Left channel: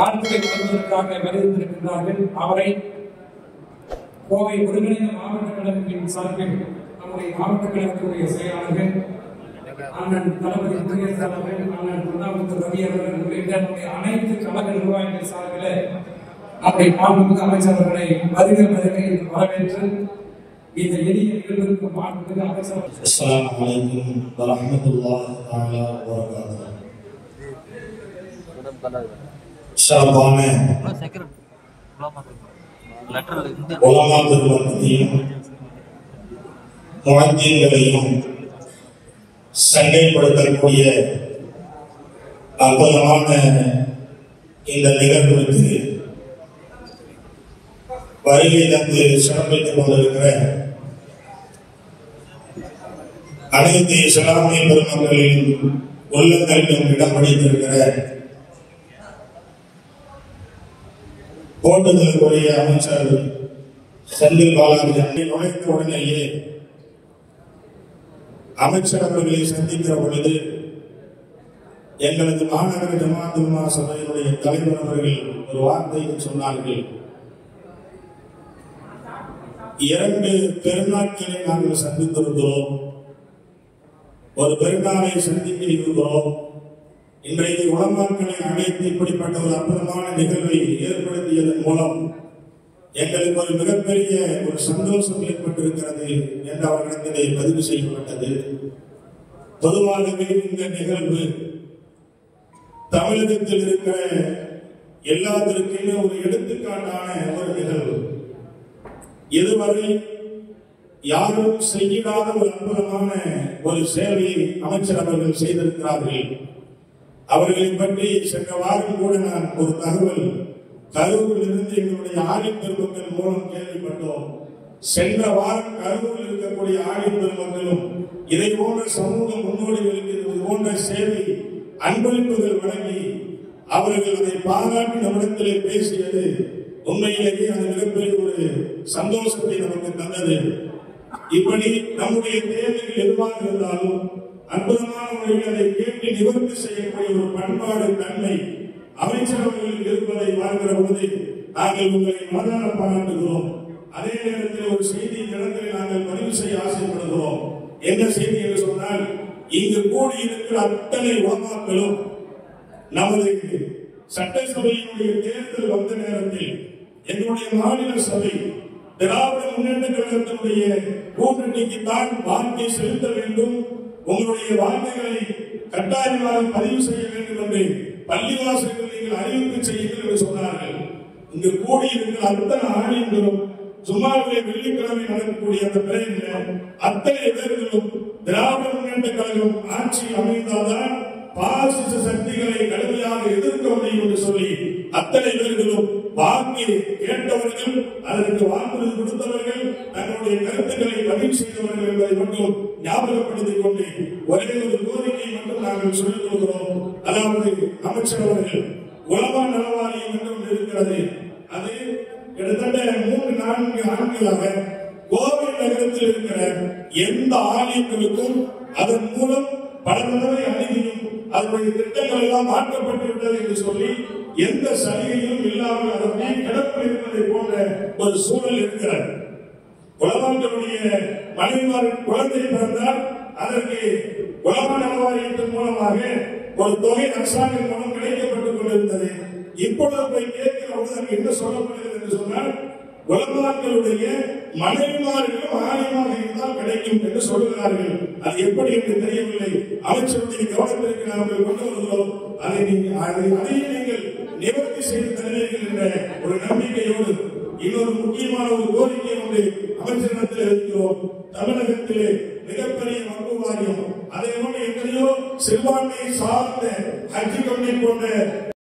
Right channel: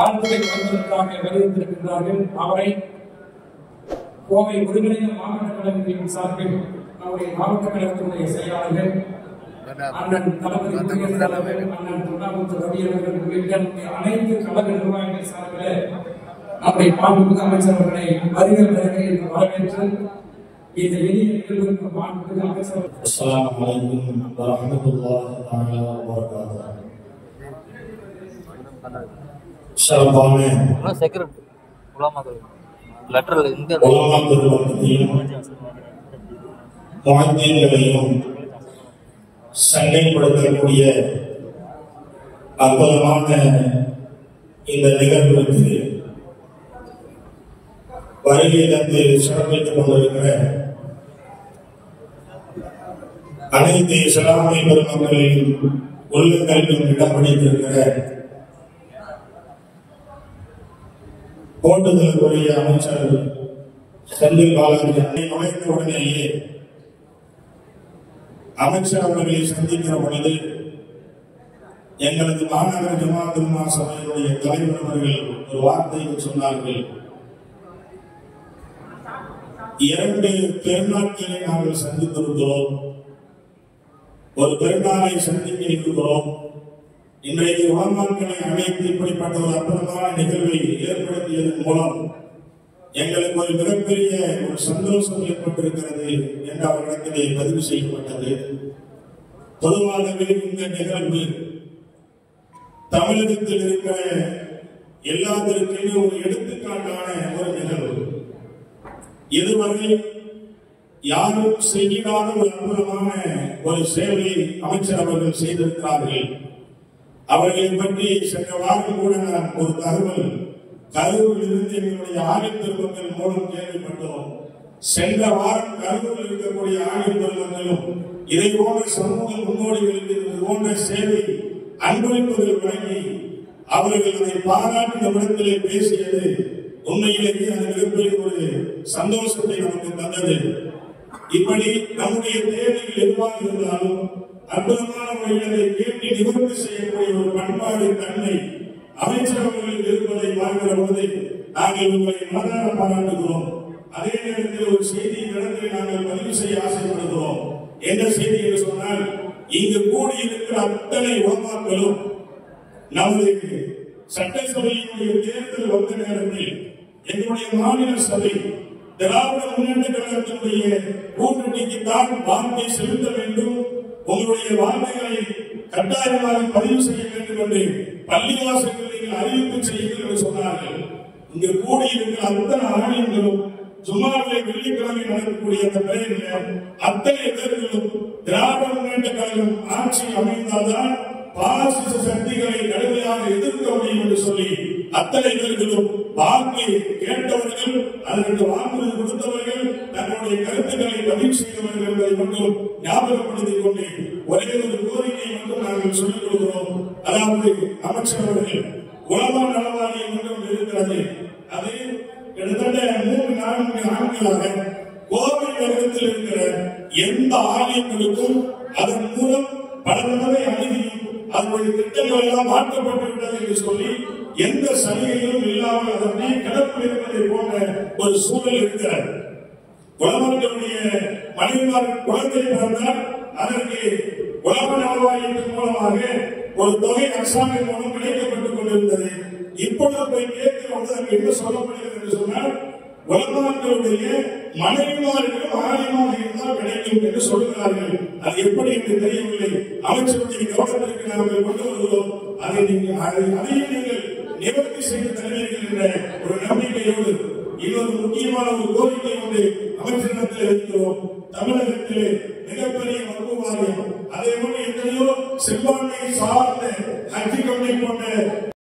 வாழ்க்கை கொடுப்பதற்காக வருகின்றிருக்கின்றார்கள். அவரை கோவை ஒருங்கிணைந்த மாவட்ட கழகத்தின் சார்பில் நம்முடைய மாவட்ட கழகத்தினுடைய செயலாளர்கள் அண்ணன் தளபதி குடியரசுத் தலைவர் அண்ணன் திருநாவுக்கரசு ரவி அவர்கள் உள்ளிட்ட நம்முடைய அனைத்து கழக நிர்வாகிகள் சார்பில் நம்முடைய மாண்புமிகு அமைச்சர்களை வருகை வரவேற்று இந்த எளிய நிகழ்வுக்கு மாண்புமிகு அமைச்சர் அஸ்ஸலாமு அலைக்கும் வரஹ்மத்துல்லாஹி தஆலா வபரகாத்துஹு. சண்டைப்படுத்தக்கூடிய அற்புதமான இந்த நிகழ்வுக்கு வருகை தந்து சிறப்பித்துக் கொண்டிருக்கிற அனைத்து இஸ்லாமிய பெருமக்களின் உள்ளங்களிலும் இடம் பிடித்திருக்கிற போட்டுதலுக்குரிய அமைச்சர் செந்தில் பாலாஜி நுழைந்த உடனேயே அமைச்சர் அவர்களை சந்திக்கிற பொழுது எங்களது மாநகர ஜமாத்துல்லா சபையினுடைய தலைவர் அவர்கள் ஒரு வார்த்தையை சொன்னார்கள். 2 பெருநாட்களை நாங்கள் சந்தித்திருக்கிறோம். ஒரு பெருநாளை சந்திக்க இருக்கிறோம். இன்றைக்கு உலமாக்களை அழைத்து இப்படிப்பட்ட ஒரு அற்புதமான நிகழ்வை ஏற்படுத்தியதன் மூலம் எங்களுக்கு ஒரு மிகப்பெரிய ஒரு சந்தோஷம் ஏற்பட்டிருக்கிறது என்று அவர்களிடத்திலே பதிவு செய்யப்பட்டது. பொதுவாகவே இந்த நிகழ்வு தமிழகத்தில் இருக்கிற எல்லாத்திற்குமே ஒரு எடுத்துக்காட்டான ஒரு நிகழ்வு. இதுவரை யாரும் செய்யாத ஒரு அற்புதமான ஒரு சேவையை அமைச்சர் அவர்கள் செய்திருக்கிறார்கள். அவர்களை பற்றி சென்ற வாரம் கூட நான் ஒரு தகவல் கரூரில் இருந்து எங்களுடைய ஆணைய பெருமக்கள் மூலம் கேள்விப்பட்டோம். சென்ற வாரம் கரூரில் இருக்கக்கூடிய ஆணைய பெருமக்களும் இதை போன்ற சமூக முன்னோடிகளுக்கு இது போன்ற சேவை அன்பளிப்புகள் வழங்கி அவர்கள் அதை பாராட்டி நம்மிடத்திலே பேசியது உண்மையிலேயே அது மிகப்பெரிய ஒரு சந்தோஷத்தை நமக்கு தந்தது. இப்படி நம்முடைய தேவைகள் எதுவாக இருந்தாலும் அற்புதமான முறைகளை கேட்டு நிவர்த்தி செய்யக்கூடிய ஒரு பண்பாடு தன்மை அமைச்சரவைகளில் இருப்பதை பார்க்கிற போது நாங்கள் உங்களை மனதார பாராட்டுகிறோம். அதே நேரத்தில் ஒரு செய்தி கடனை நாங்கள் பதிவு செய்ய ஆசைப்படுகிறோம். என்ன செய்தி என்று சொன்னால், இங்கு கூடியிருக்கிற அத்தனை உலமாக்களும் நமது சட்டசபையினுடைய தேர்தல் வந்த நேரத்தில் எங்களுடைய மாநில சபை திராவிட முன்னேற்ற கழகத்தினுடைய கூட்டணிக்குத்தான் வாக்கை செலுத்த வேண்டும், உங்களுடைய வாக்குகளை கட்டாயமாக பதிவு செய்ய வேண்டும் என்று பள்ளிவாசல்களில் அறிவிப்பு செய்யுங்கள் என்று சொன்னார்கள். இங்கு கூடியிருக்கிற அத்தனை ஆணையங்களும் சும்மாவே வெள்ளிக்கிழமை நடக்கக்கூடிய அந்த பிறகு அத்தனை பேர்களும் திராவிட முன்னேற்ற கழகம் ஆட்சி அமைந்தால்தான் பாசிச சக்திகளை கடுமையாக எதிர்க்க முடியும் என்று சொல்லி அத்தனை பேர்களும் வாக்கு கேட்டவர்கள், அதற்கு வாக்குறுதி கொடுத்தவர்கள், தங்களுடைய கருத்துக்களை பதிவு செய்தவர்கள் என்பதை மட்டும் ஞாபகப்படுத்திக் கொண்டு ஒரே ஒரு கோரிக்கையை மட்டும் நாங்கள் சொல்லிக் கொள்கிறோம். அதாவது அமைச்சர் அவர்கள் உலக நலவாரியம் என்றும் இருக்கிறது. அது கிட்டத்தட்ட 3-4 ஆண்டுகளாக கோவை நகரத்தில் இருக்கிற எந்த ஆலயங்களுக்கும் அதன் மூலம் பல தடவை அணுகியும் அதனுடைய திட்டங்கள் எல்லாம் மாற்றப்பட்டுவிட்டது என்று சொல்லி எந்த சலுகையும் இல்லாமல் அதற்கு கிடப்பில் இருப்பதை போன்ற ஒரு சூழல் இருக்கிறார். உலகங்களுடைய மனிதர்கள் குழந்தை பிறந்தால் அதற்கு உலக நலவாரியத்தின் மூலமாக ஒரு தொகை அரசாங்கம் மூலம் கிடைக்கப்பட்டுக் கொண்டிருந்தது. இப்பொழுது போய் கேட்கிறவர்கள் என்ன சொல்லப்படுகிறது என்று சொன்னால், உலகங்களுடைய மனைவிமார்களும் ஆலயமாக இருந்தால் கிடைக்கும் என்று சொல்கிறார்கள். அது எப்படி என்று தெரியவில்லை. அமைச்சருடைய கவனத்திற்கு நாங்கள் கொண்டு வருகிறோம். அதையும் நீங்கள் நிவர்த்தி செய்து தருவீர்கள் என்ற ஒரு நம்பிக்கையோடு இன்னொரு முக்கியமான ஒரு கோரிக்கை ஒன்று அமைச்சரிடத்தில் இருக்கிறோம்.